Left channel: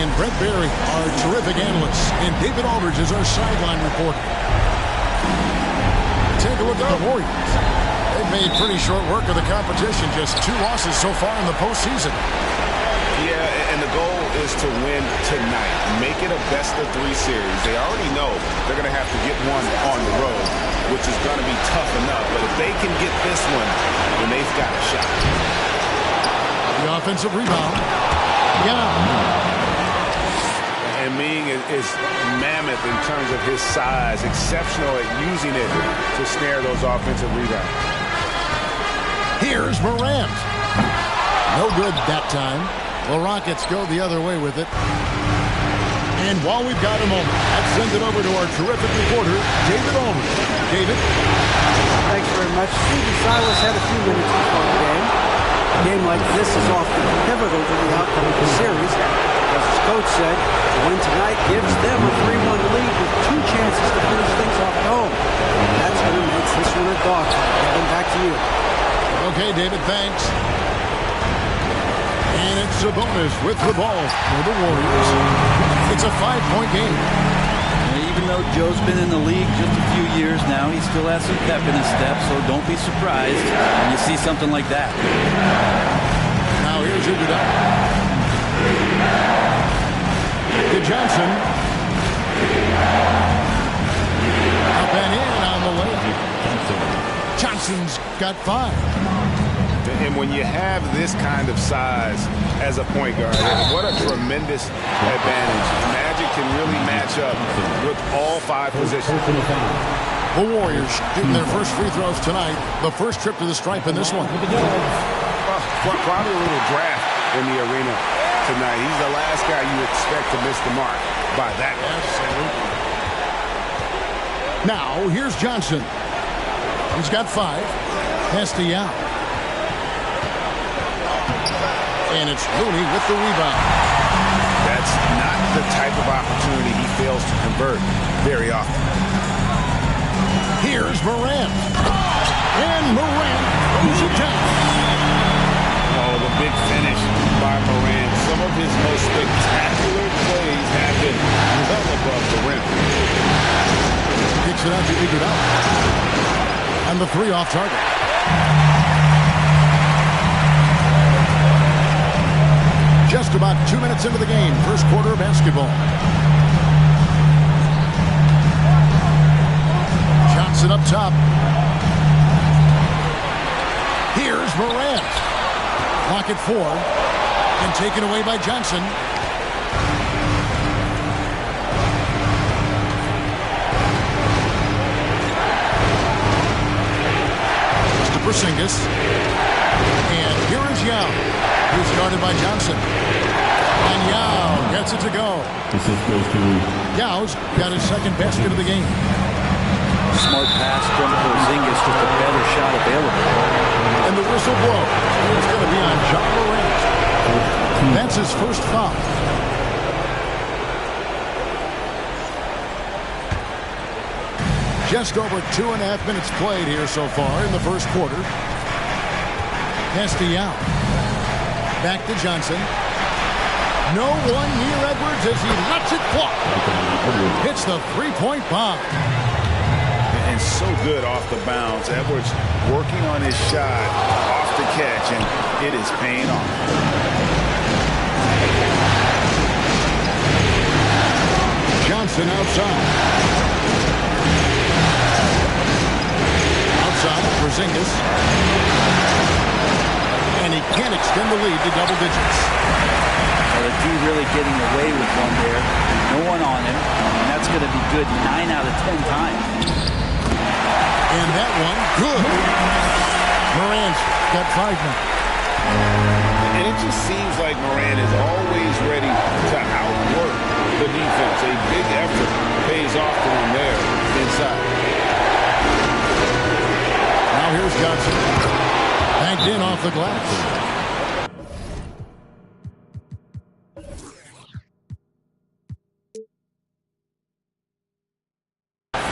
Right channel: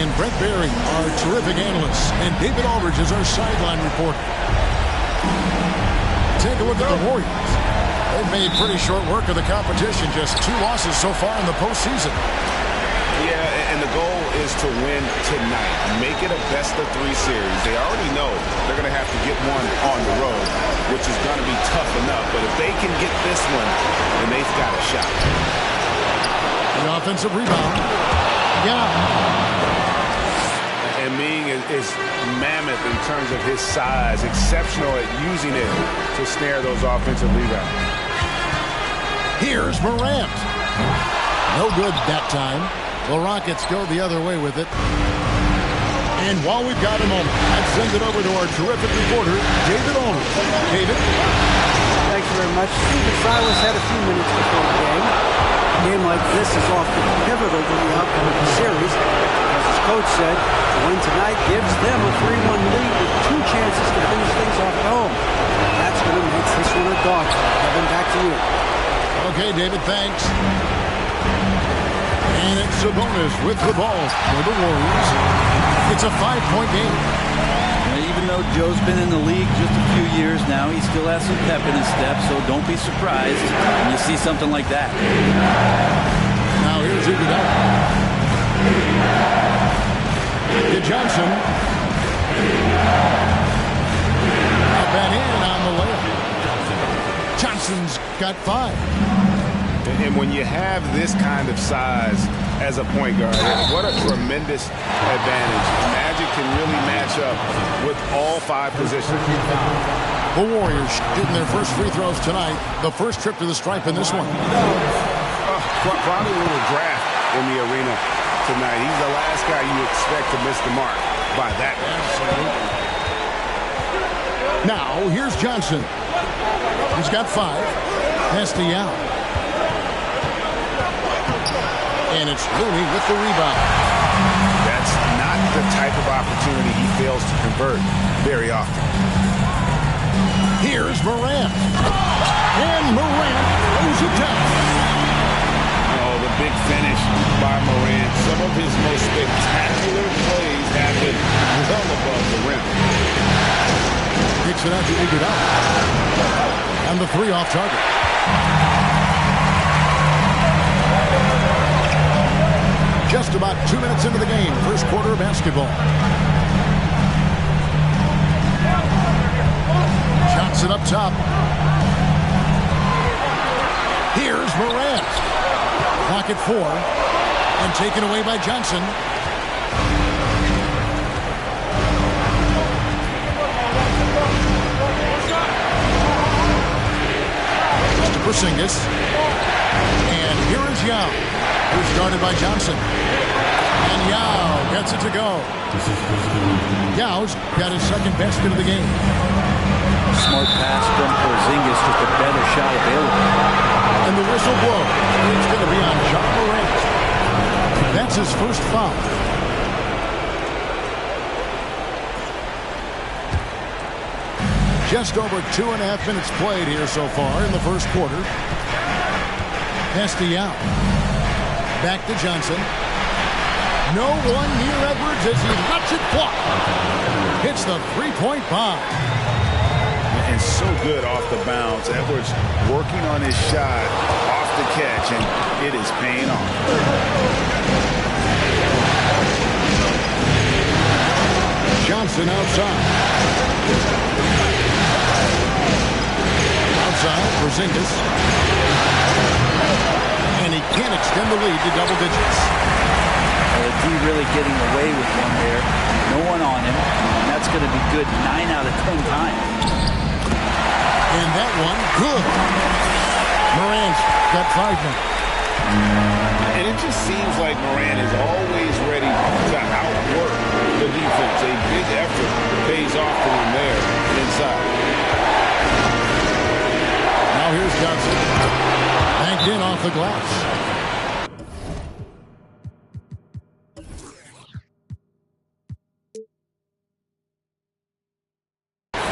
and Brent Barry, our terrific analysts, and David Aldridge is our sideline reporter. Take a look at the Warriors. They've made pretty short work of the competition, just 2 losses so far in the postseason. Yeah, and the goal is to win tonight. Make it a best-of-3 series. They already know they're going to have to get one on the road, which is going to be tough enough. But if they can get this one, then they've got a shot. The offensive rebound. Yeah. And Ming is mammoth in terms of his size, exceptional at using it to snare those offensive rebounds. Here's Morant. No good that time. The Rockets go the other way with it. And while we've got a moment, let's send it over to our terrific reporter, David Aldridge. David? Thanks very much. Stephen Silas had a few minutes before the game. A game like this is often pivotal to the outcome of the series, because as coach said, to win tonight gives them a 3-1 lead with 2 chances to finish things off at home. And that's going to make this one a dogfight. Kevin, back to you. Okay, David, thanks. And it's Sabonis with the ball for the Warriors. It's a 5-point game. Even though Joe's been in the league just a few years now, he still has some pep in his step, so don't be surprised when you see something like that. Now here's Iguodala. To Johnson. Up and in on the layup. Johnson's got 5. And when you have this kind of size as a point guard, what a tremendous advantage. Magic can really match up with all 5 positions. The Warriors shooting their first free throws tonight. The first trip to the stripe in this one. Probably a little draft in the arena tonight. He's the last guy you expect to miss the mark by that much. Absolutely. Now, here's Johnson. He's got 5. Pass to Yao. And it's Looney with the rebound. That's not the type of opportunity he fails to convert very often. Here's Morant. And Morant throws it down. Oh, the big finish by Morant. Some of his most spectacular plays have been well above the rim. Kicks it out to Iguodala. And the 3 off target. Just about 2 minutes into the game, first quarter of basketball. Johnson up top. Here's Morant. Clock at 4. And taken away by Johnson. Mr. Porzingis. And here is Yao, who's guarded by Johnson. And Yao gets it to go. Yao's got his second basket of the game. Smart pass from Porzingis, just a better shot available. And the whistle blows. It's going to be on Ja Morant. That's his first foul. Just over 2.5 minutes played here so far in the first quarter. Pass to Yao. Back to Johnson. No one near Edwards as he lets it fly. Hits the 3-point bomb. And so good off the bounce. Edwards working on his shot off the catch, and it is paying off. Johnson outside. Outside, Porzingis. And he can't extend the lead to double digits. The D really getting away with one there. No one on him. And that's going to be good 9 out of 10 times. And that one, good. Morant's got 5 now. And it just seems like Morant is always ready to outwork the defense. A big effort pays off for him there inside. Now here's Johnson. Banked in off the glass.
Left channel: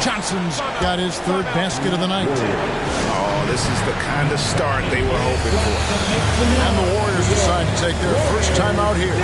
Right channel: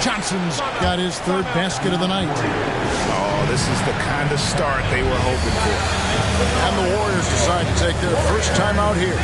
Johnson's got his 3rd basket of the night. Oh, this is the kind of start they were hoping for. And the Warriors decide to take their first time out here.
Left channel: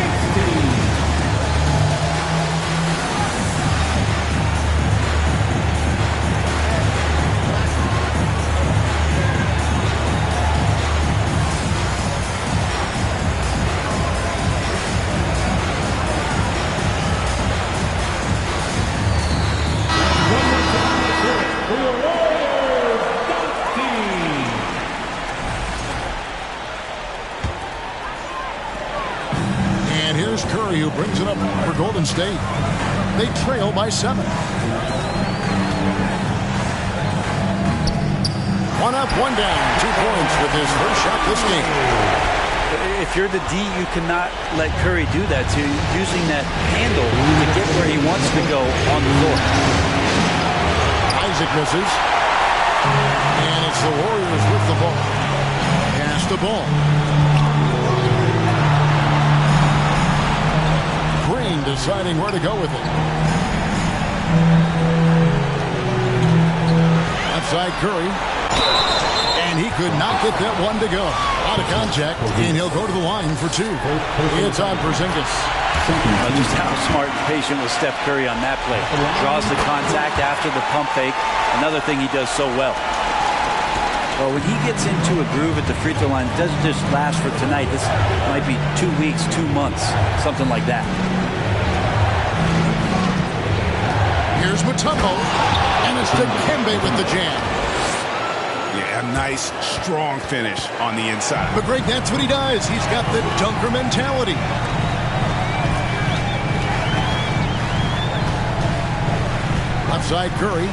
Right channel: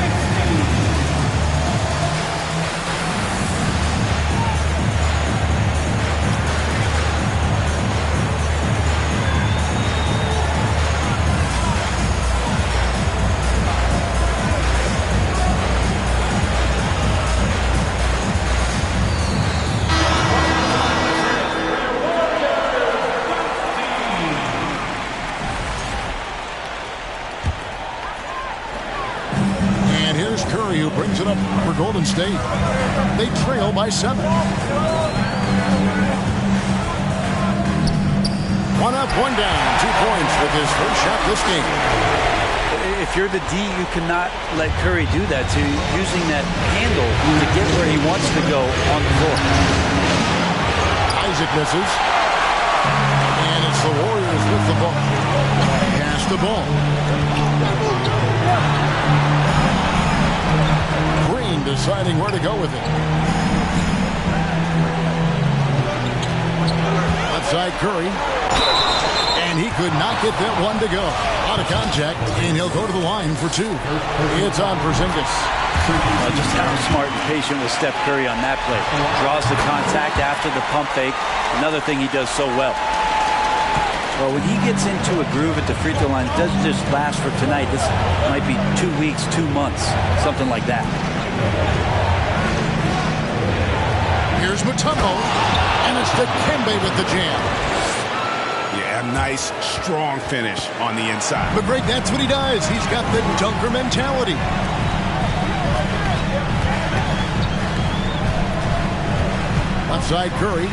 Curry, who brings it up for Golden State. They trail by 7. 1 up, 1 down. 2 points with his first shot this game. If you're the D, you cannot let Curry do that. So using that handle to get where he wants to go on the floor. Isaac misses. And it's the Warriors with the ball. Pass the ball. Green deciding where to go with it. Left side Curry. And he could not get that one to go. Out of contact, and he'll go to the line for 2. It's on Porzingis. Just how smart and patient was Steph Curry on that play. Draws the contact after the pump fake. Another thing he does so well. Well, when he gets into a groove at the free throw line, it doesn't just last for tonight. This might be 2 weeks, 2 months, something like that. Here's Mutombo, and it's Dikembe with the jam. Yeah, a nice, strong finish on the inside. But Greg, that's what he does. He's got the dunker mentality. Left side Curry.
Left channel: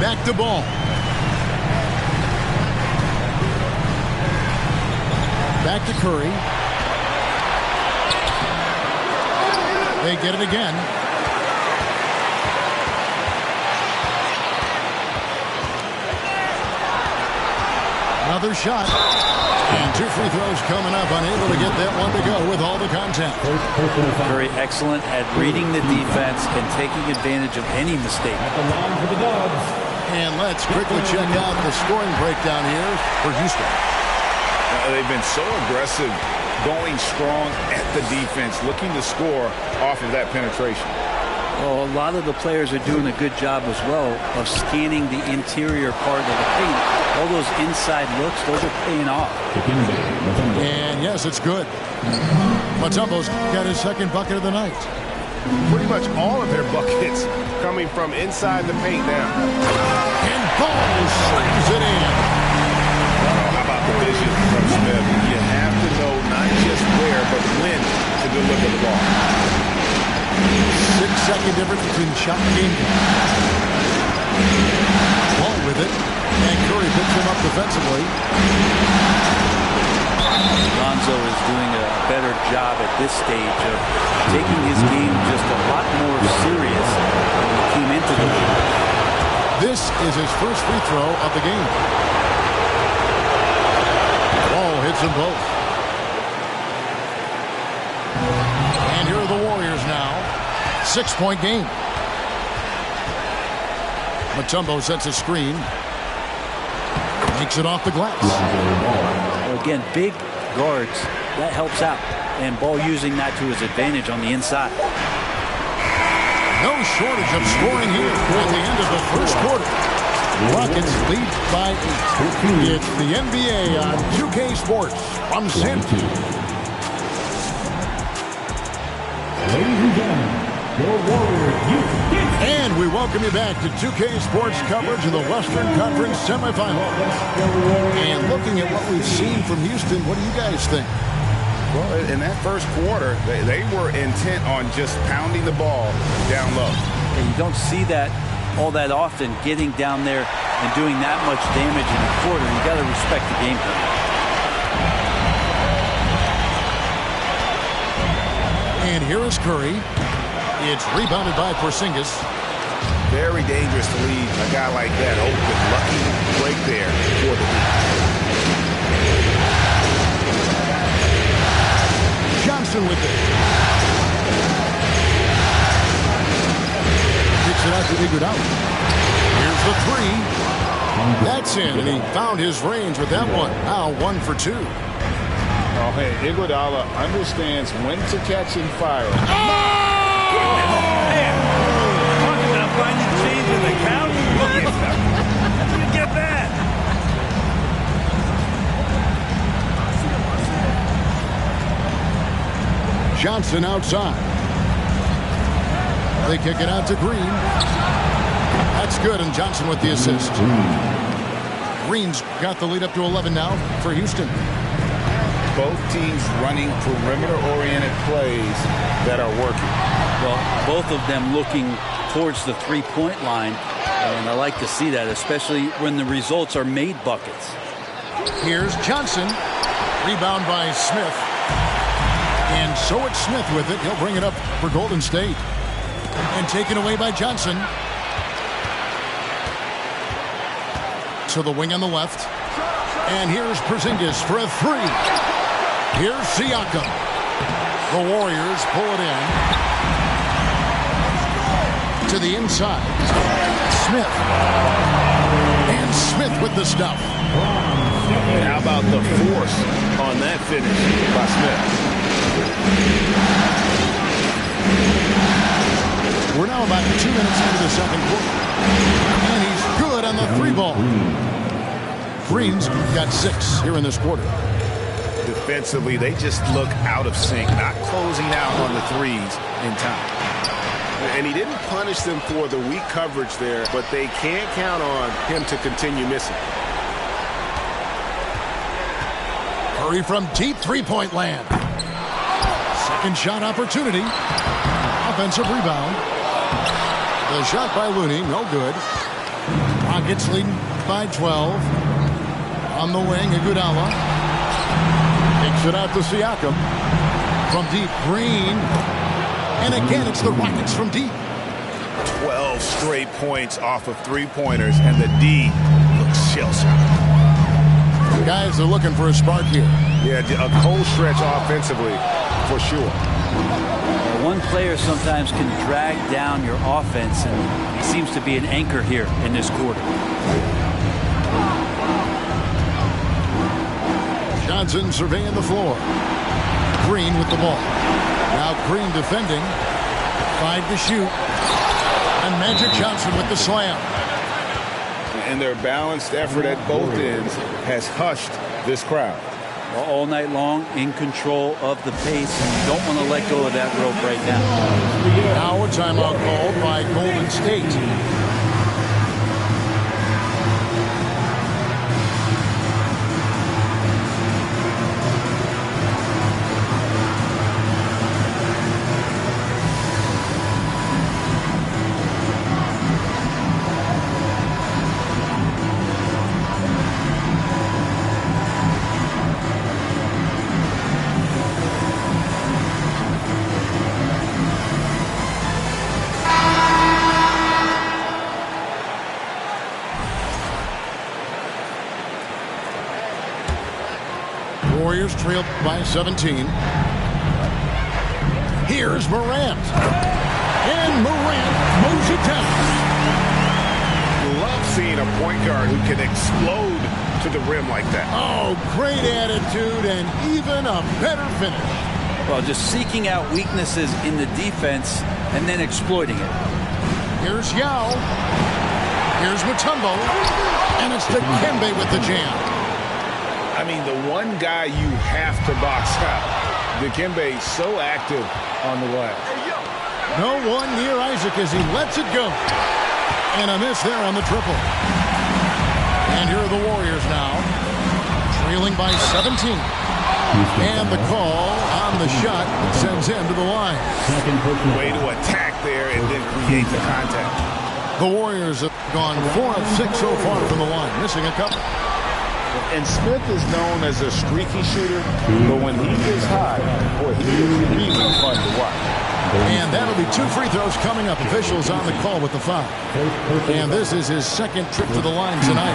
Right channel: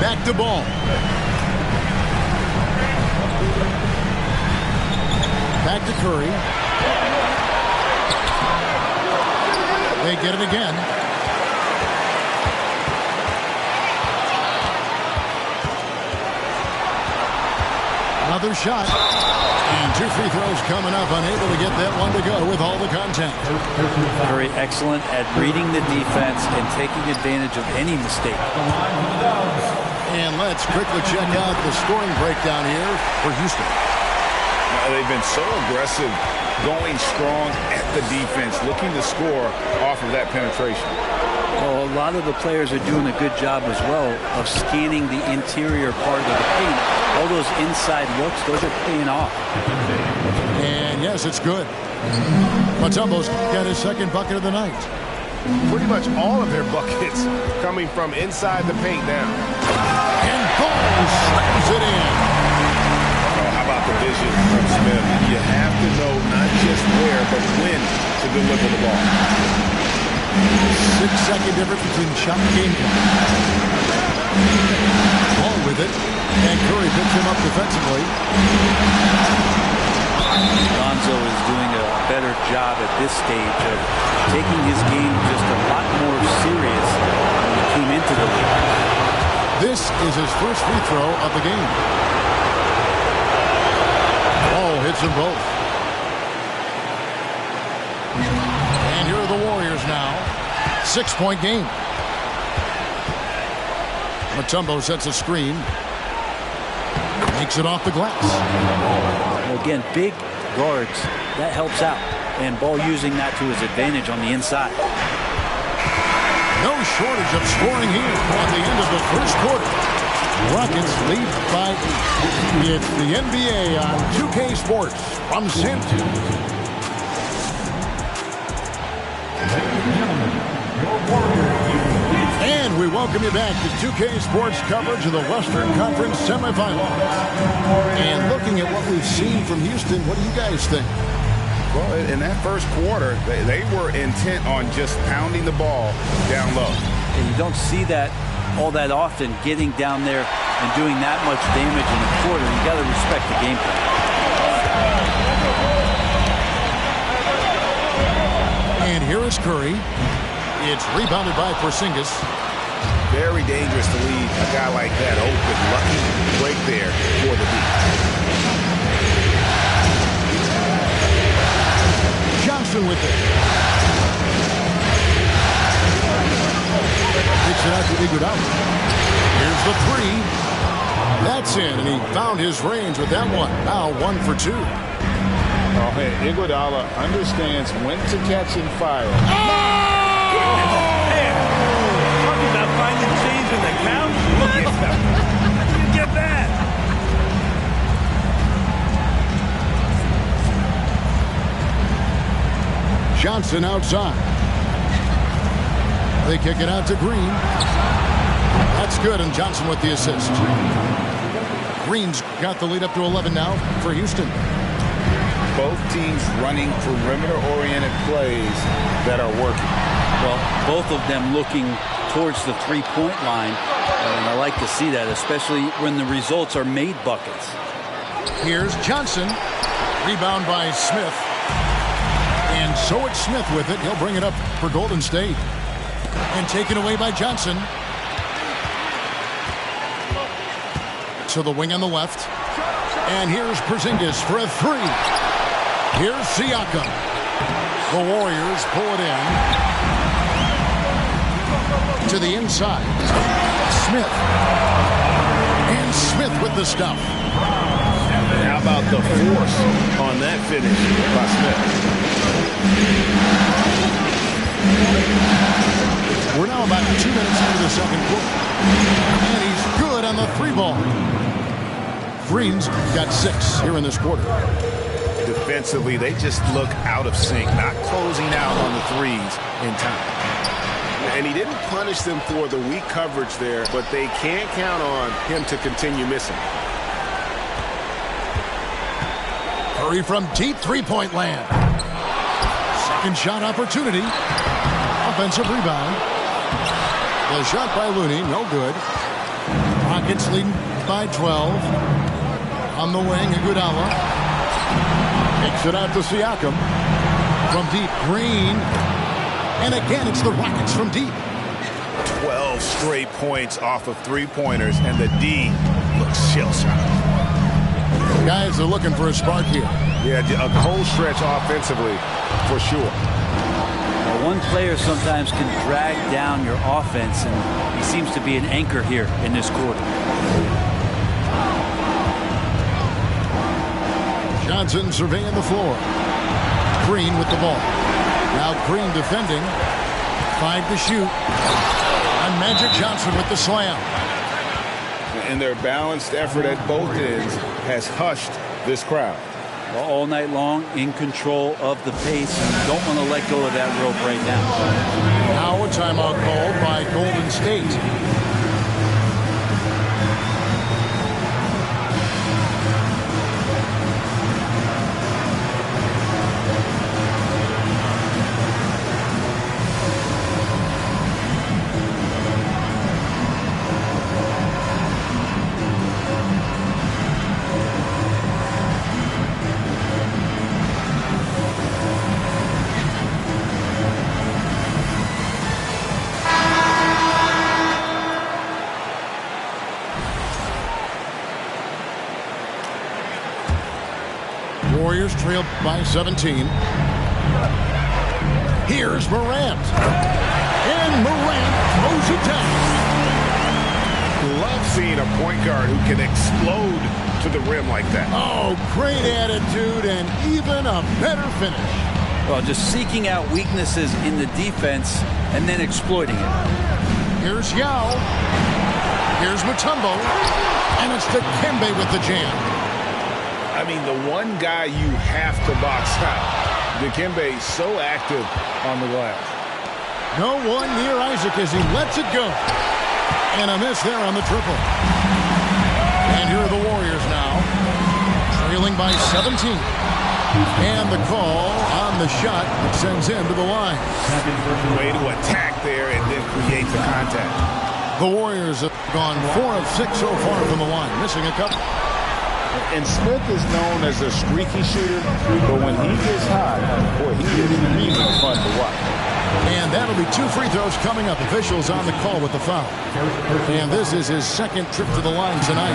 Back to ball. Back to Curry. They get it again. Another shot. And 2 free throws coming up. Unable to get that one to go with all the contact. Curry excellent at reading the defense and taking advantage of any mistake. And let's quickly check out the scoring breakdown here for Houston. They've been so aggressive, going strong at the defense, looking to score off of that penetration. Well, a lot of the players are doing a good job as well of scanning the interior part of the paint. All those inside looks, those are paying off. And yes, it's good. Mutombo's got his second bucket of the night. Pretty much all of their buckets coming from inside the paint now. And Ball slams it in. Oh, how about the vision from Smith? You have to know not just where, but when to deliver the ball. 6-second difference between shot and game time. Ball with it. And Curry picks him up defensively. Lonzo is doing a better job at this stage of taking his game just a lot more serious when he came into the league. This is his first free throw of the game. Ball hits them both. And here are the Warriors now. 6-point game. Mutombo sets a screen. Makes it off the glass. Again, big guards, that helps out. And Ball using that to his advantage on the inside. No shortage of scoring here at the end of the first quarter. Rockets lead by 8. It's the NBA on 2K Sports from San Antonio. Ladies and gentlemen, your Warriors. And we welcome you back to 2K Sports coverage of the Western Conference semifinals. And looking at what we've seen from Houston, what do you guys think? Well, in that first quarter, they were intent on just pounding the ball down low. And you don't see that all that often, getting down there and doing that much damage in a quarter. You got to respect the game plan. And here is Curry. It's rebounded by Porzingis. Very dangerous to leave a guy like that open. Lucky break there for the D. Johnson with it. Kicks it out to Iguodala. Here's the 3. That's in, and he found his range with that one. Now 1 for 2. Oh, hey, Iguodala understands when to catch and fire. Talk about finding change in the couch. Look at that. How do you get that? Johnson outside. They kick it out to Green. That's good, and Johnson with the assist. Green's got the lead up to 11 now for Houston. Both teams running perimeter-oriented plays that are working. Well, both of them looking towards the three-point line, and I like to see that, especially when the results are made buckets. Here's Johnson. Rebound by Smith. And so it's Smith with it. He'll bring it up for Golden State. And taken away by Johnson. To the wing on the left. And here's Porzingis for a three. Here's Siakam. The Warriors pull it in. To the inside. Smith. And Smith with the stuff. And how about the force on that finish by Smith? We're now about 2 minutes into the second quarter. And he's good on the three ball. Green's got 6 here in this quarter. Defensively, they just look out of sync, not closing out on the threes in time. And he didn't punish them for the weak coverage there, but they can't count on him to continue missing. Curry from deep three-point land. Second shot opportunity. Offensive rebound. The shot by Looney, no good. Rockets leading by 12. On the wing, Iguodala. Takes it out to Siakam. From deep, Green. And again, it's the Rockets from deep. 12 straight points off of three-pointers, and the D looks shell-shocked. Guys are looking for a spark here. Yeah, a cold stretch offensively, for sure. Well, one player sometimes can drag down your offense, and he seems to be an anchor here in this quarter. Johnson surveying the floor. Green with the ball. Now Green defending. 5 to shoot. And Magic Johnson with the slam. And their balanced effort at both ends has hushed this crowd. All night long, in control of the pace, and you don't want to let go of that rope right now. Now a timeout called by Golden State. Warriors trailed by 17. Here's Morant. And Morant mows it down. Love seeing a point guard who can explode to the rim like that. Oh, great attitude and even a better finish. Well, just seeking out weaknesses in the defense and then exploiting it. Here's Yao. Here's Mutombo. And it's Dikembe with the jam. I mean, the one guy you have to box out. Dikembe so active on the glass. No one near Isaac as he lets it go. And a miss there on the triple. And here are the Warriors now. Trailing by 17. And the call on the shot that sends him to the line. Way to attack there and then create the contact. The Warriors have gone 4 of 6 so far from the line. Missing a couple. And Smith is known as a streaky shooter, but when he gets hot, boy, he is really fun to watch. And that'll be 2 free throws coming up. Officials on the call with the foul. And this is his second trip to the line tonight.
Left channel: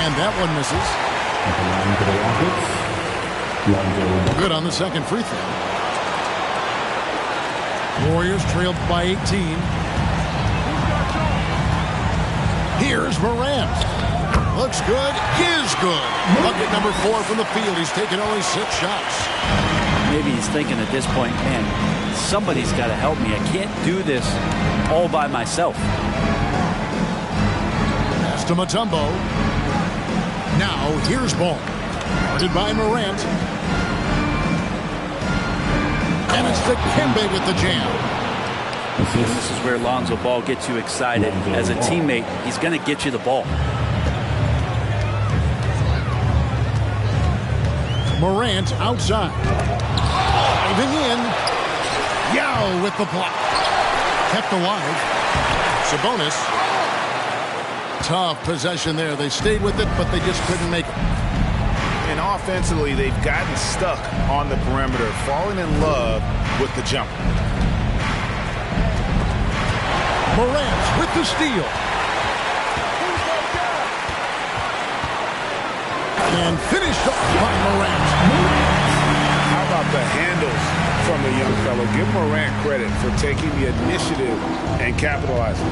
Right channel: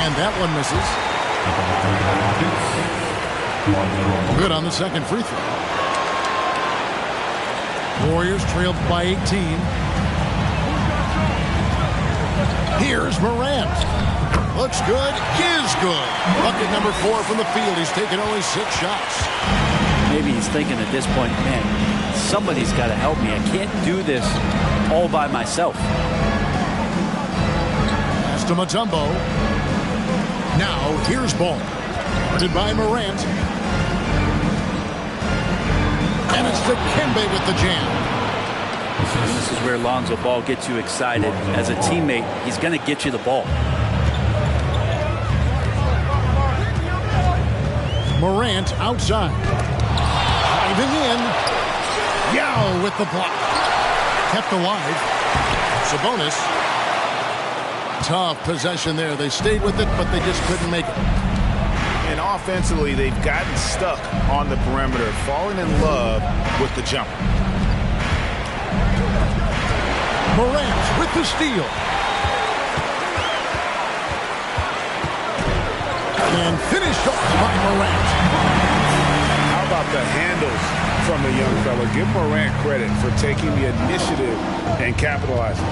And that one misses. Good on the second free throw. Warriors trailed by 18. Here's Morant. Looks good, is good. Bucket number 4 from the field. He's taken only 6 shots. Maybe he's thinking at this point, man, somebody's got to help me. I can't do this all by myself. Pass to Mutombo. Now here's ball. Guarded by Morant. And it's Dikembe with the jam. And this is where Lonzo Ball gets you excited. As a teammate, he's going to get you the ball. Morant outside. Driving in. Yao with the block. Kept alive. Sabonis. Tough possession there. They stayed with it, but they just couldn't make it. And offensively, they've gotten stuck on the perimeter, falling in love with the jumper. Morant with the steal. And finished off by Morant. How about the handles from the young fella? Give Morant credit for taking the initiative and capitalizing.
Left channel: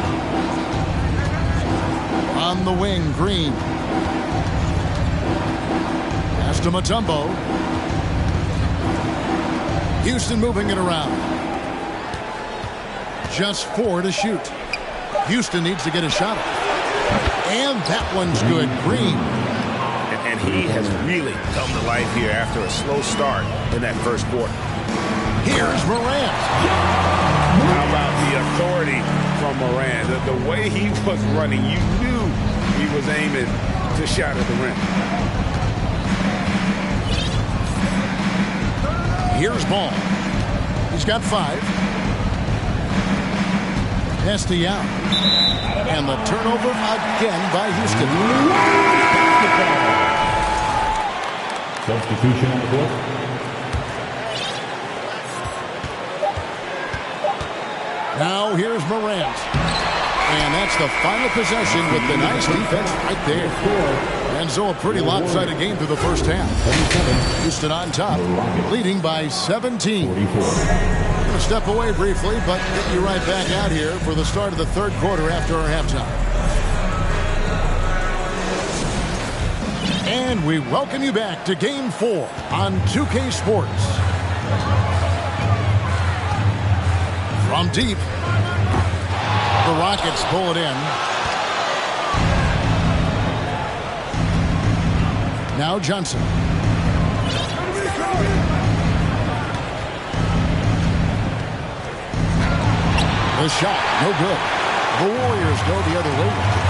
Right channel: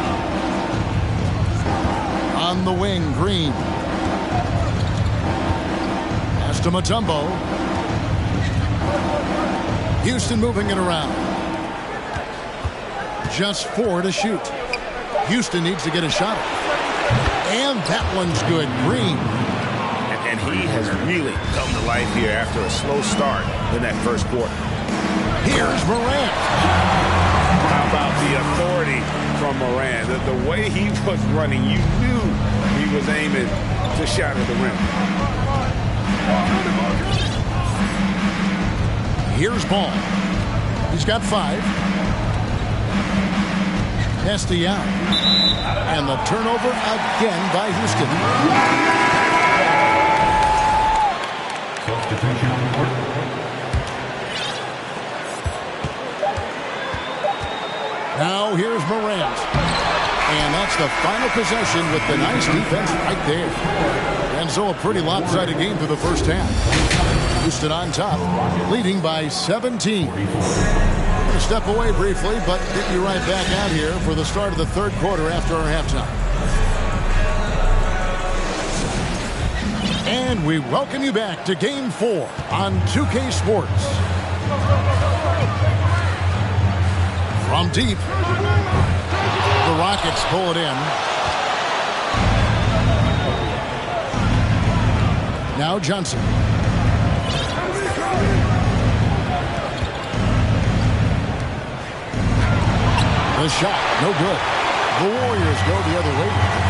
On the wing, Green. Pass to Mutombo. Houston moving it around. Just 4 to shoot. Houston needs to get a shot off. And that one's good. Green. And he has really come to life here after a slow start in that first quarter. Here's Morant. How about the authority from Morant? The way he was running, you knew he was aiming to shatter the rim. Here's Ball. He's got 5. Yao. And the turnover again by Houston. Substitution on the court. Now here's Morant. And that's the final possession with the nice defense right there. And so a pretty lopsided game through the first half. Houston on top, leading by 17. We're going to step away briefly, but get you right back out here for the start of the third quarter after our halftime. And we welcome you back to Game 4 on 2K Sports. From deep, the Rockets pull it in. Now Johnson. The shot, no good. The Warriors go the other way with it.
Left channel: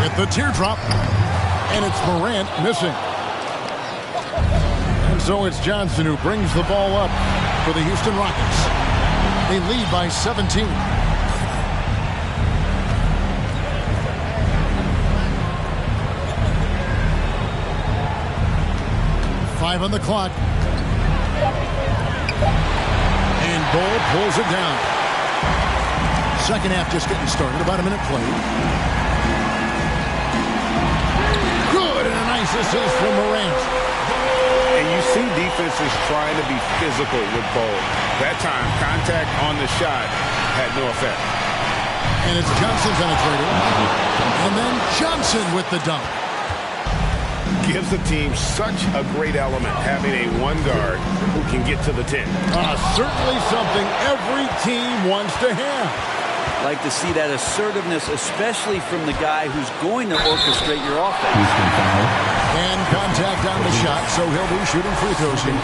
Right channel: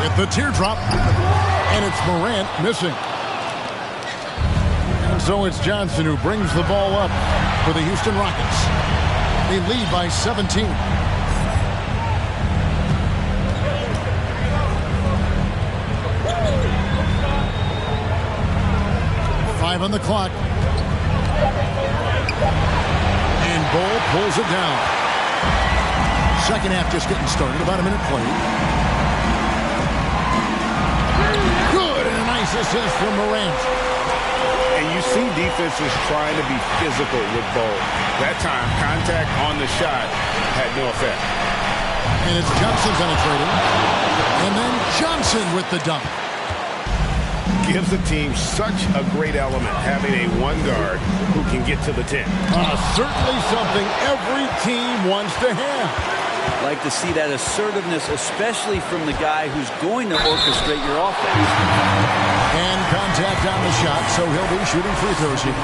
With the teardrop, and it's Morant missing. And so it's Johnson who brings the ball up for the Houston Rockets. They lead by 17. Five on the clock. And Ball pulls it down. Second half just getting started. About a minute played. Good, and a nice assist from Morant. And you see defenses trying to be physical with Ball. That time, contact on the shot had no effect. And it's Johnson penetrating. And then Johnson with the dunk. Gives the team such a great element, having a one guard who can get to the 10. Certainly something every team wants to have. Like to see that assertiveness, especially from the guy who's going to orchestrate your offense. And contact on the shot, so he'll be shooting free throws here.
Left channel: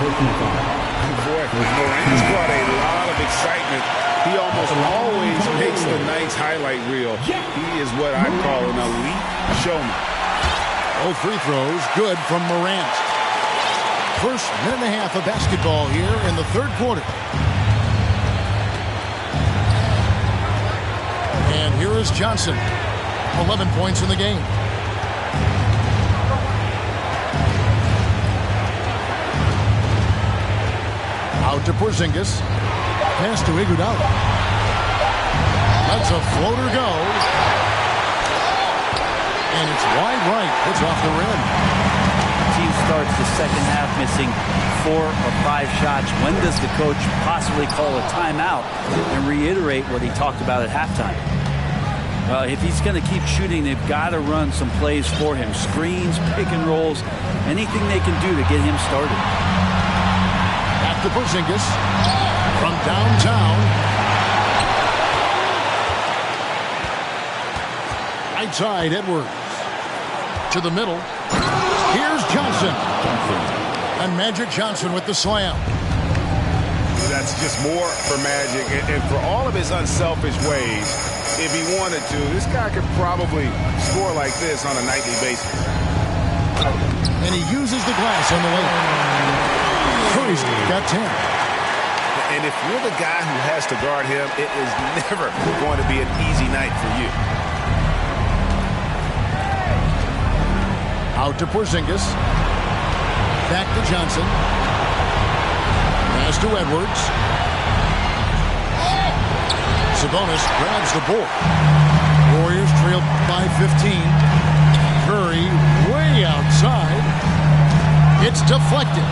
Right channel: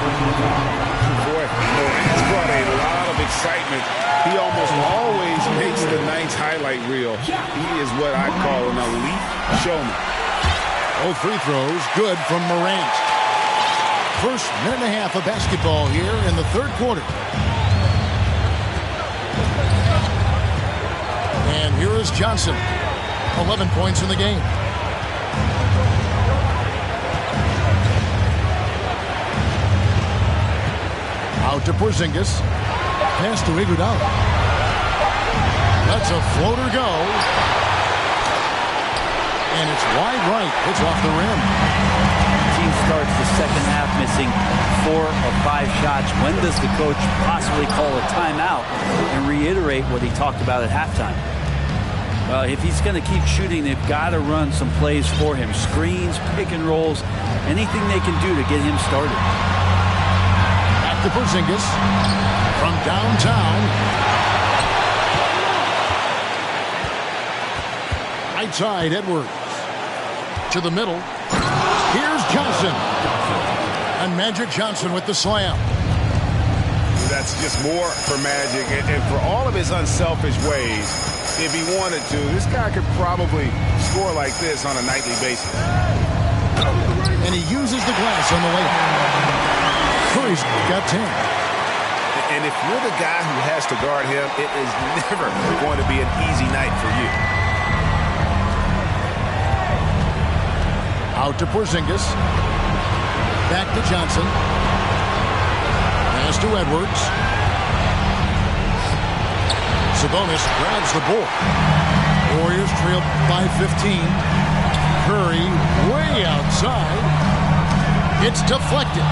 Boy, Morant's brought a lot of excitement. He almost always makes the night's highlight reel. He is what I call an elite showman. Both free throws good from Morant. First minute and a half of basketball here in the third quarter. And here is Johnson. 11 points in the game. Out to Porzingis. Pass to Iguodala. Lets a floater go. And it's wide right. It's off the rim. Team starts the second half missing 4 or 5 shots. When does the coach possibly call a timeout and reiterate what he talked about at halftime? Well, if he's going to keep shooting, they've got to run some plays for him. Screens, pick and rolls, anything they can do to get him started. Back to Porzingis from downtown. Right side, Edwards. To the middle. Here's Johnson. And Magic Johnson with the slam. That's just more for Magic. And for all of his unselfish ways, if he wanted to, this guy could probably score like this on a nightly basis. And he uses the glass on the layup. Curry's got 10. And if you're the guy who has to guard him, it is never going to be an easy night for you. Out to Porzingis. Back to Johnson. Pass to Edwards. Sabonis grabs the board. Warriors trail by 15. Curry way outside. It's deflected.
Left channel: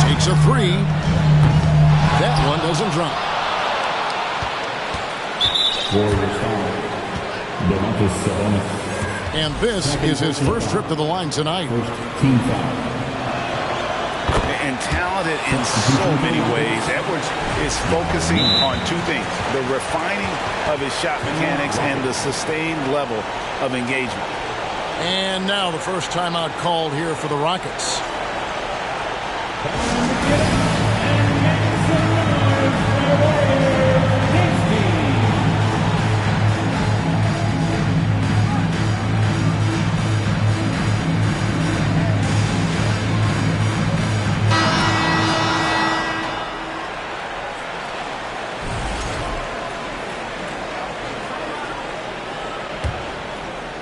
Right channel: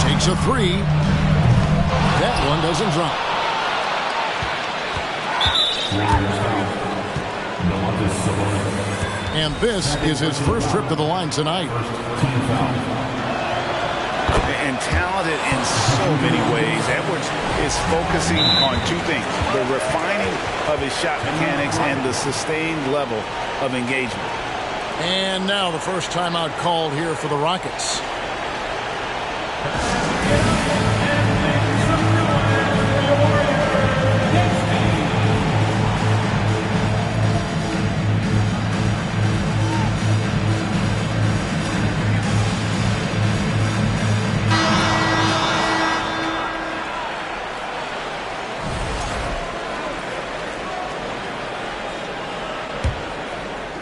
Takes a three. That one doesn't drop. Warriors foul. Domantas Sabonis. And this is his first trip to the line tonight. First team foul. And talented in so many ways. Edwards is focusing on two things: the refining of his shot mechanics and the sustained level of engagement. And now the first timeout called here for the Rockets.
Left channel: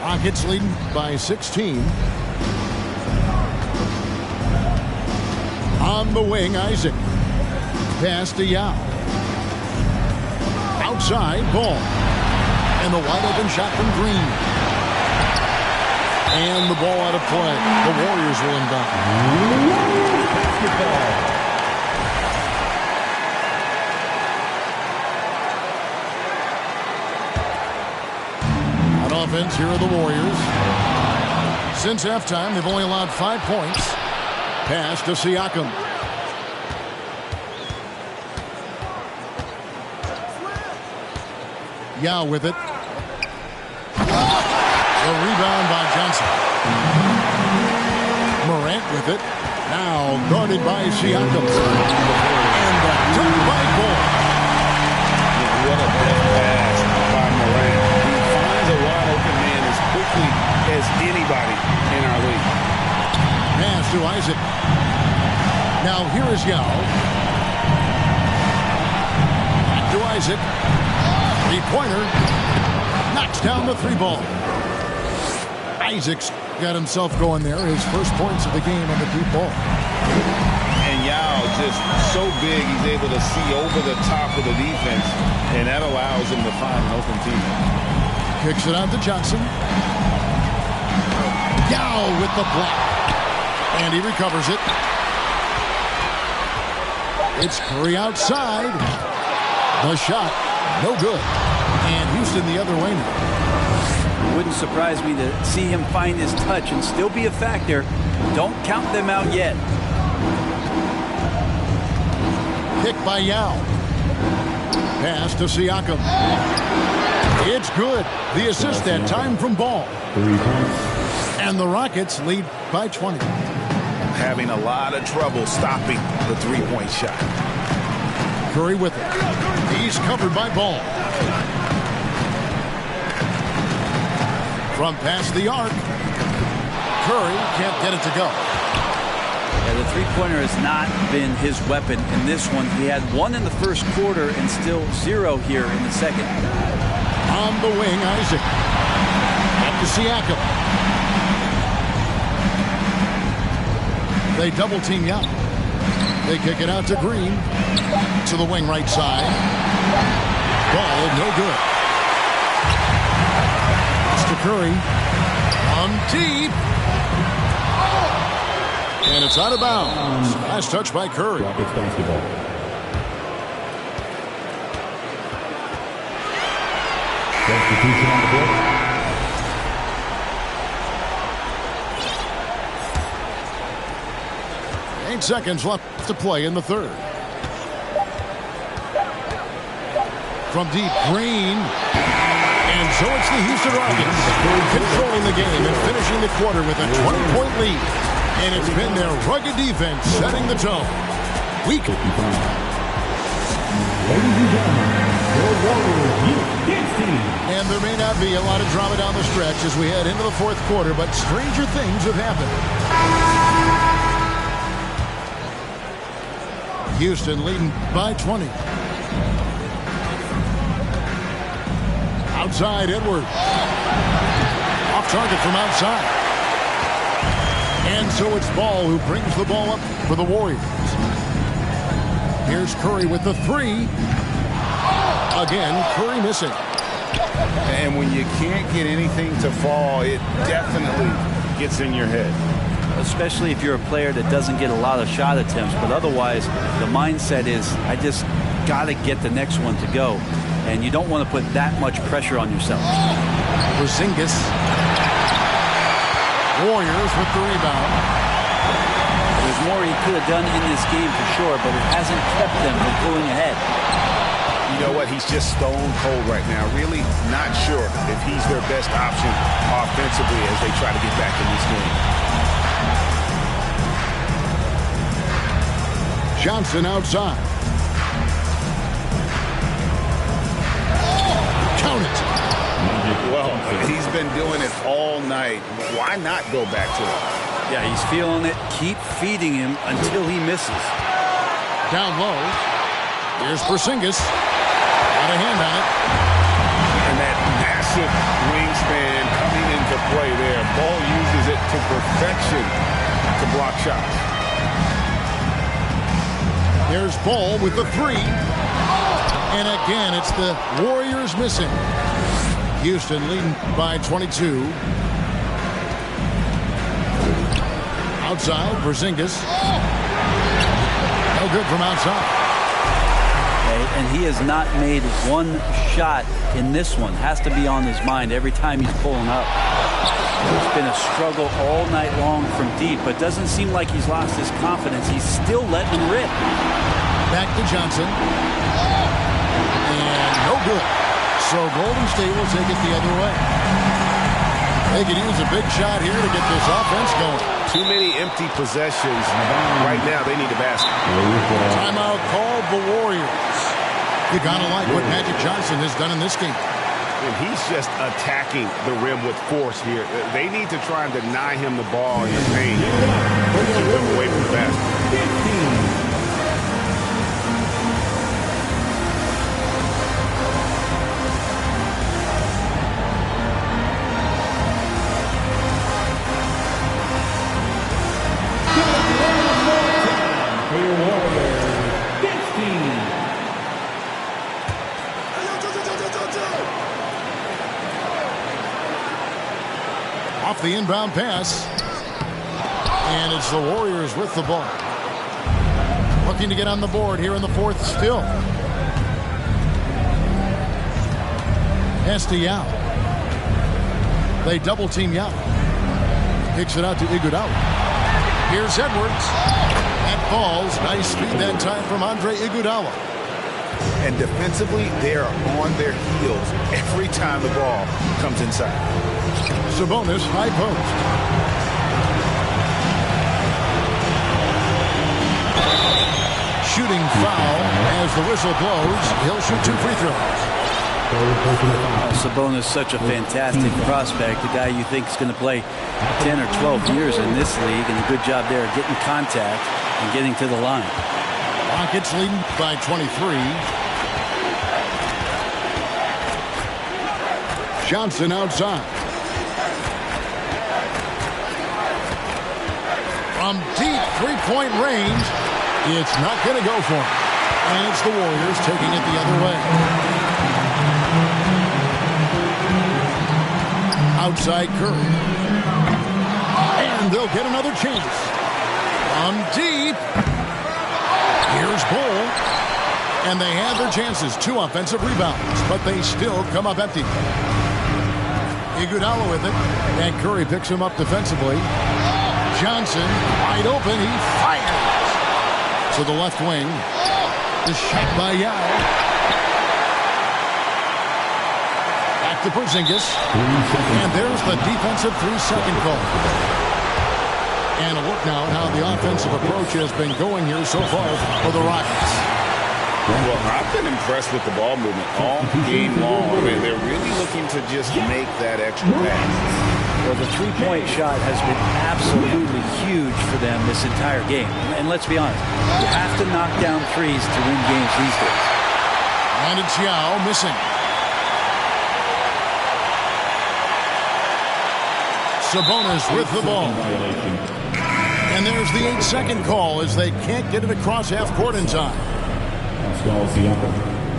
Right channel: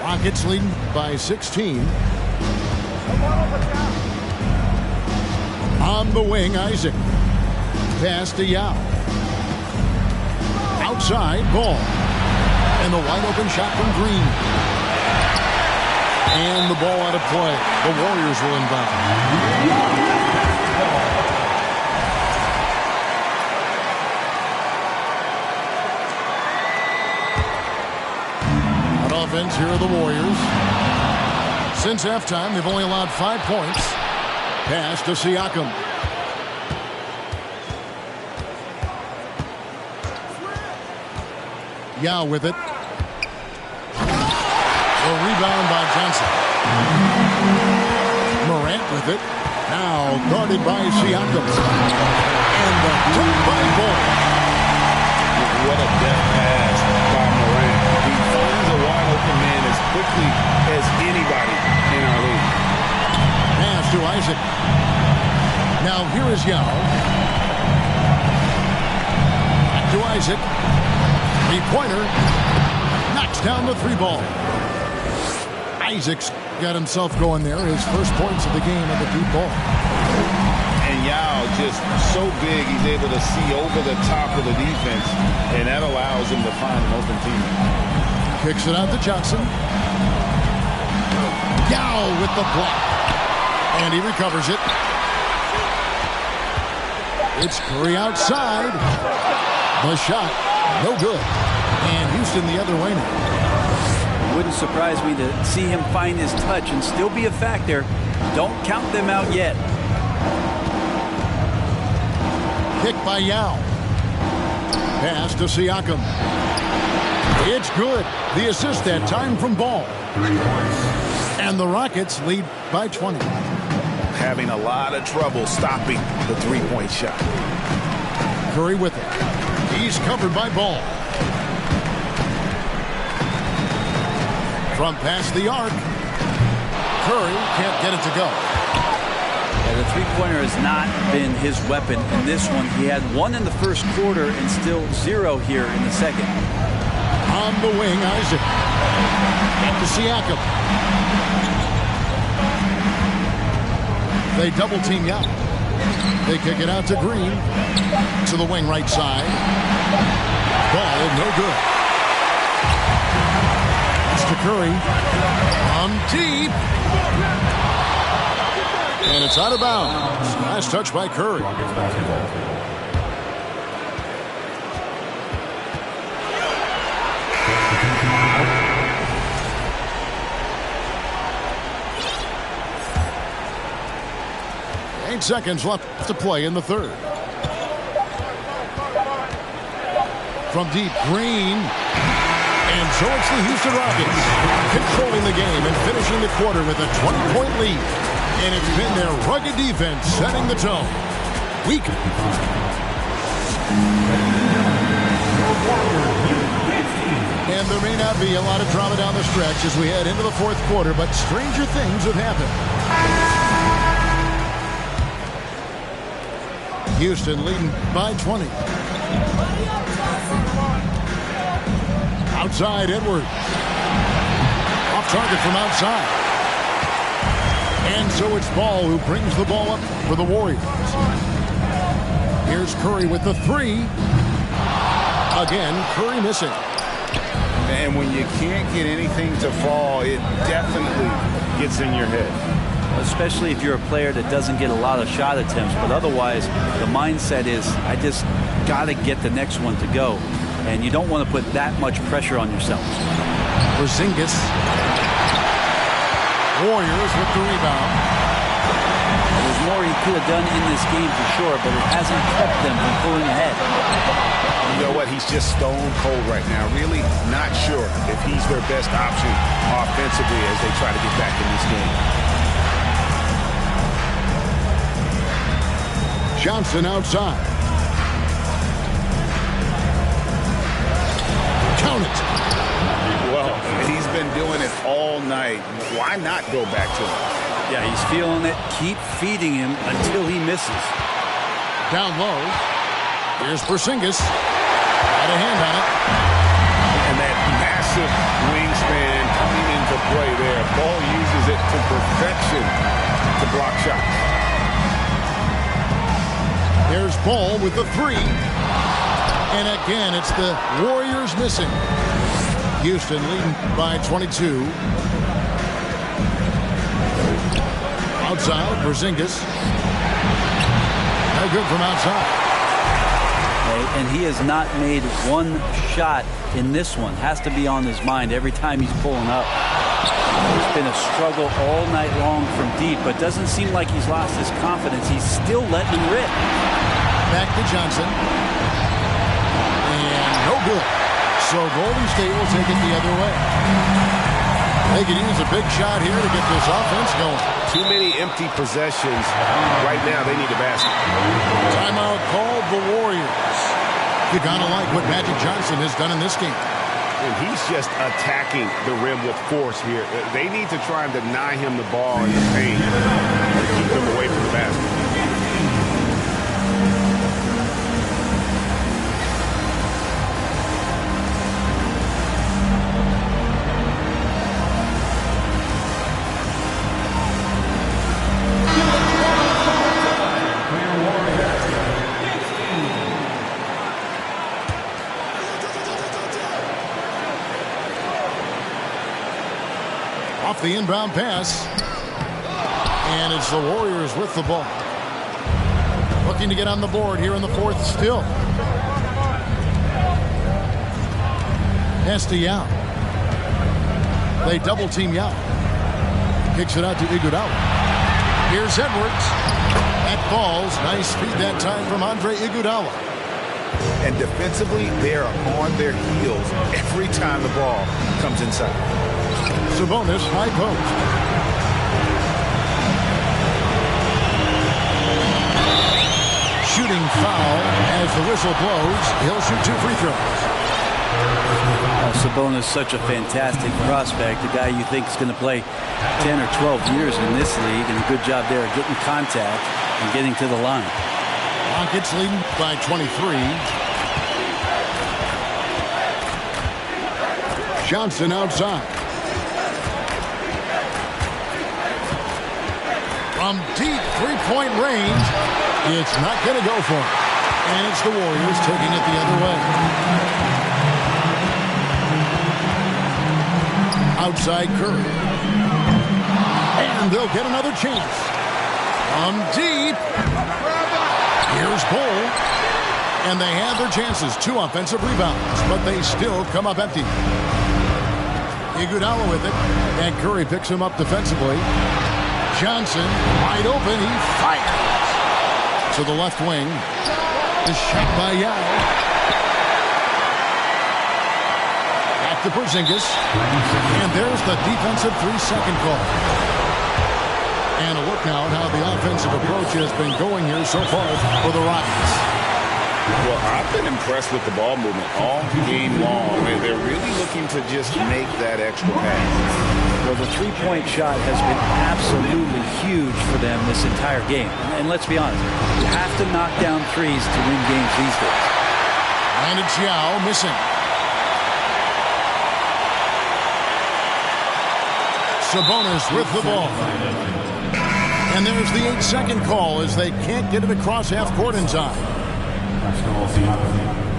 Rockets leading by 16. On the wing, Isaac. Pass to Yao. Outside, Ball. And the wide open shot from Green. And the ball out of play. The Warriors will inbound. Offense here are the Warriors. Since halftime, they've only allowed 5 points. Pass to Siakam. Yao with it. The rebound by Johnson. Morant with it. Now guarded by Siakam. And the dunk by Ball. What a deft pass by Morant. He finds a wide open man as quickly as anybody in our league. Pass to Isaac. Now here is Yao. Back to Isaac. Three-pointer. Knocks down the three ball. Isaac's got himself going there. His first points of the game on the deep ball. And Yao just so big, he's able to see over the top of the defense, and that allows him to find an open teammate. Kicks it out to Johnson. Yao with the block. And he recovers it. It's Curry outside. The shot, no good. And Houston the other way now. It wouldn't surprise me to see him find his touch and still be a factor. Don't count them out yet. Kick by Yao. Pass to Siakam. It's good. The assist that time from Ball. 3 points. And the Rockets lead by 20. Having a lot of trouble stopping the three-point shot. Curry with it. He's covered by Ball. From past the arc. Curry can't get it to go. Yeah, the three-pointer has not been his weapon in this one. He had 1 in the first quarter and still 0 here in the second. On the wing, Isaac. Back to Siakam. They double-team Yao. They kick it out to Green. To the wing right side. Ball, no good. It's to Curry. On deep. And it's out of bounds. Last touch by Curry. Rockets basketball. Substitution on the court. 8 seconds left to play in the third. From deep, Green. And so it's the Houston Rockets controlling the game and finishing the quarter with a 20-point lead. And it's been their rugged defense setting the tone. Weak. 55. Ladies and gentlemen, your Warriors U15. And there may not be a lot of drama down the stretch as we head into the fourth quarter, but stranger things have happened. Houston leading by 20. Outside, Edwards. Off target from outside. And so it's Ball who brings the ball up for the Warriors. Here's Curry with the three. Again, Curry missing. And when you can't get anything to fall, it definitely gets in your head. Especially if you're a player that doesn't get a lot of shot attempts. But otherwise, the mindset is, I just got to get the next one to go. And you don't want to put that much pressure on yourself. Porzingis. Warriors with the rebound. There's more he could have done in this game for sure, but it hasn't kept them from pulling ahead. You know what? He's just stone cold right now. Really not sure if he's their best option offensively as they try to get back in this game. Johnson outside. Count it. Well, he's been doing it all night. Why not go back to him? Yeah, he's feeling it. Keep feeding him until he misses. Down low. Here's Porzingis. Got a hand on it. And that massive wingspan coming into play there. Ball uses it to perfection to block shots. There's Ball with the three. And again, it's the Warriors missing. Houston leading by 22. Outside, Porzingis. No good from outside. And he has not made one shot in this one. Has to be on his mind every time he's pulling up. It's been a struggle all night long from deep, but doesn't seem like he's lost his confidence. He's still letting him rip. Back to Johnson. And no good. So Golden State will take it the other way. They could use a big shot here to get this offense going. Too many empty possessions. Right now, they need a basket. Timeout called the Warriors. You're going to like what Magic Johnson has done in this game. And he's just attacking the rim with force here. They need to try and deny him the ball in the paint to keep him away from the basket. Off the inbound pass. And it's the Warriors with the ball. Looking to get on the board here in the fourth still. Pass to Yao. They double team Yao. Kicks it out to Iguodala. Here's Edwards. That falls. Nice feed that time from Andre Iguodala. And defensively, they are on their heels every time the ball comes inside. Sabonis, high post. Shooting foul as the whistle blows. He'll shoot 2 free throws. Sabonis, such a fantastic prospect. The guy you think is going to play 10 or 12 years in this league, and a good job there getting contact and getting to the line. Rockets leading by 23. Johnson outside. From deep three-point range, it's not going to go for him. And it's the Warriors taking it the other way. Outside Curry. And they'll get another chance. From deep. Here's Bull. And they have their chances. 2 offensive rebounds, but they still come up empty. Iguodala with it. And Curry picks him up defensively. Johnson, wide open, he fires to the left wing. The shot by Yao. Back to Porzingis. And there's the defensive 3-second call. And a look now at how the offensive approach has been going here so far for the Rockets. Well, I've been impressed with the ball movement all game long. They're really looking to just make that extra pass. Well, the three-point shot has been absolutely huge for them this entire game. And let's be honest, you have to knock down threes to win games these days. And it's Yao missing. Sabonis with the ball. And there's the 8-second call as they can't get it across half court in time.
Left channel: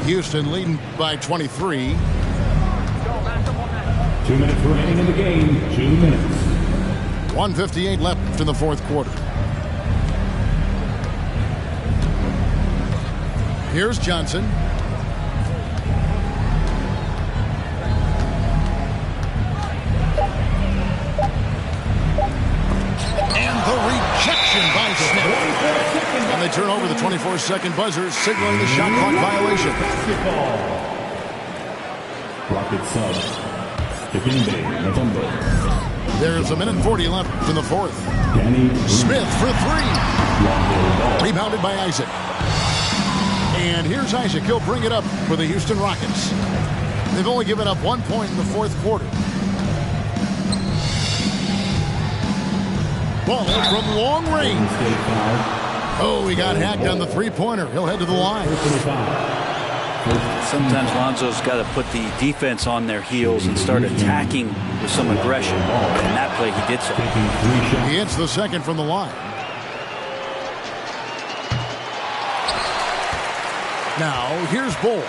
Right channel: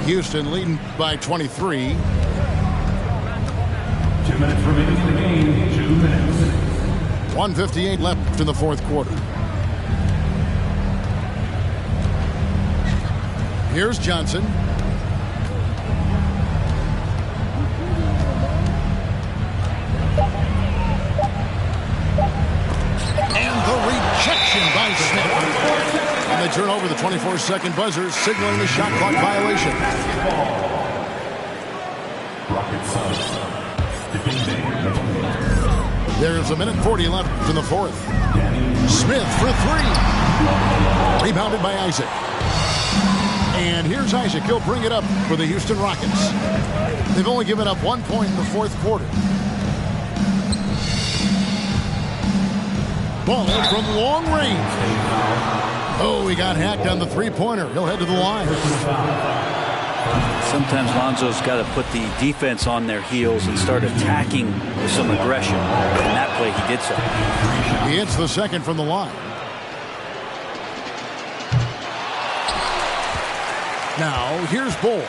Houston leading by 23. 2 minutes remaining in the game. 2 minutes. 1:58 left in the fourth quarter. Here's Johnson. And the rejection by Smith. And they turn over the 24-second buzzer, signaling the shot clock violation. Rocket subs. There's 1:40 left in the fourth. Smith for three. Rebounded by Isaac. And here's Isaac. He'll bring it up for the Houston Rockets. They've only given up 1 point in the fourth quarter. Ball from long range. Oh, he got hacked on the three-pointer. He'll head to the line. Sometimes Lonzo's got to put the defense on their heels and start attacking with some aggression. In that play, he did so. He hits the second from the line. Now, here's Bull.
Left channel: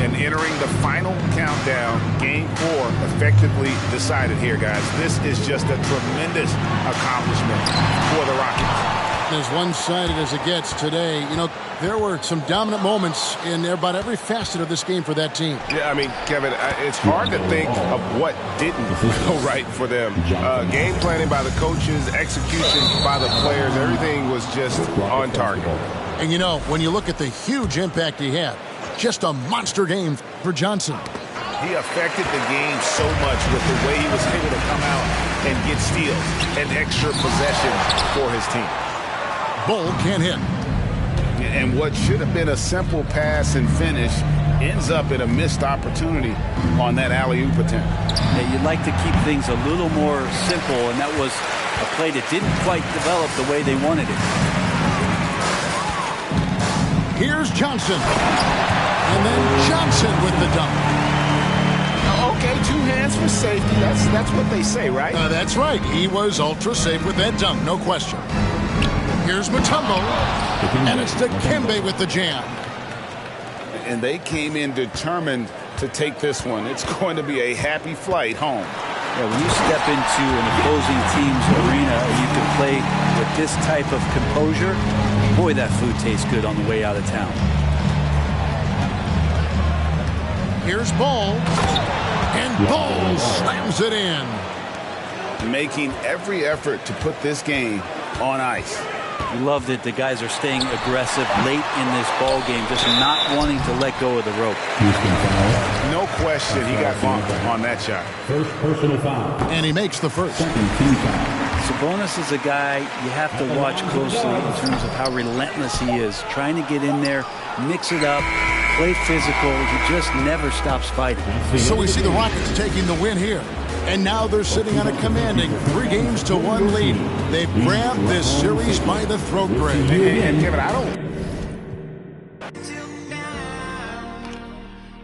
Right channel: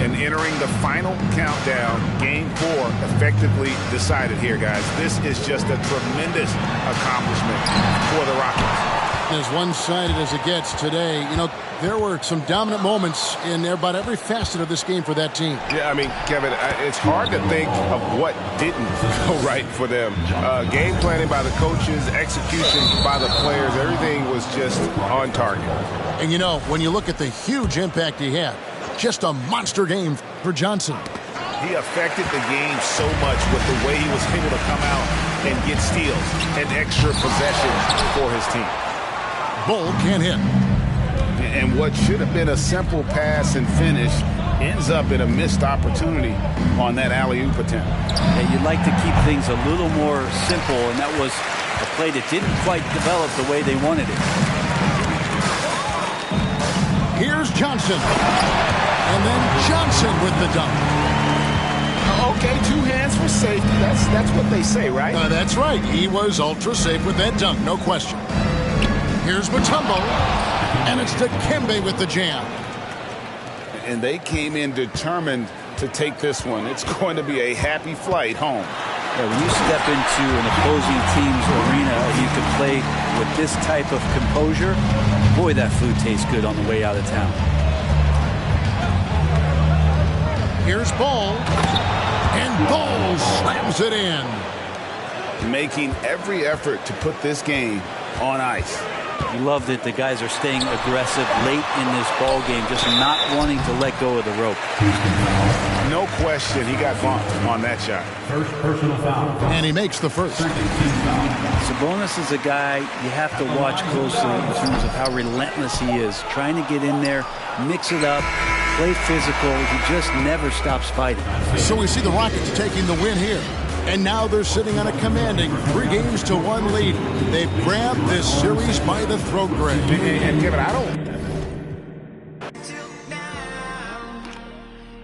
And entering the final countdown, Game 4 effectively decided here, guys. This is just a tremendous accomplishment for the Rockets. As one-sided as it gets today, you know, there were some dominant moments in about every facet of this game for that team. Yeah, I mean, Kevin, it's hard to think of what didn't go right for them. Game planning by the coaches, execution by the players, everything was just on target. And, you know, when you look at the huge impact he had, just a monster game for Johnson. He affected the game so much with the way he was able to come out and get steals and extra possessions for his team. Bull can't hit. And what should have been a simple pass and finish ends up in a missed opportunity on that alley-oop attempt. Yeah, you'd like to keep things a little more simple, and that was a play that didn't quite develop the way they wanted it. Here's Johnson. And then Johnson with the dunk. Okay, 2 hands for safety. That's what they say, right? That's right. He was ultra safe with that dunk, no question. Here's Mutombo, and it's Dikembe with the jam. And they came in determined to take this one. It's going to be a happy flight home. Yeah, when you step into an opposing team's arena and you can play with this type of composure, boy, that food tastes good on the way out of town. Here's Ball, and Ball slams it in. Making every effort to put this game on ice. You love that the guys are staying aggressive late in this ball game, just not wanting to let go of the rope. No question he got bumped on that shot. First personal foul. And he makes the first. Sabonis is a guy you have to watch closely in terms of how relentless he is. Trying to get in there, mix it up, play physical. He just never stops fighting. So we see the Rockets taking the win here. And now they're sitting on a commanding 3-1 lead. They've grabbed this series by the throat, Greg. And Kevin, I don't...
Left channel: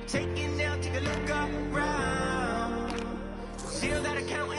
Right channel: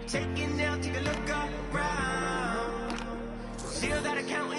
Taking down, take a look around. Still that accountant.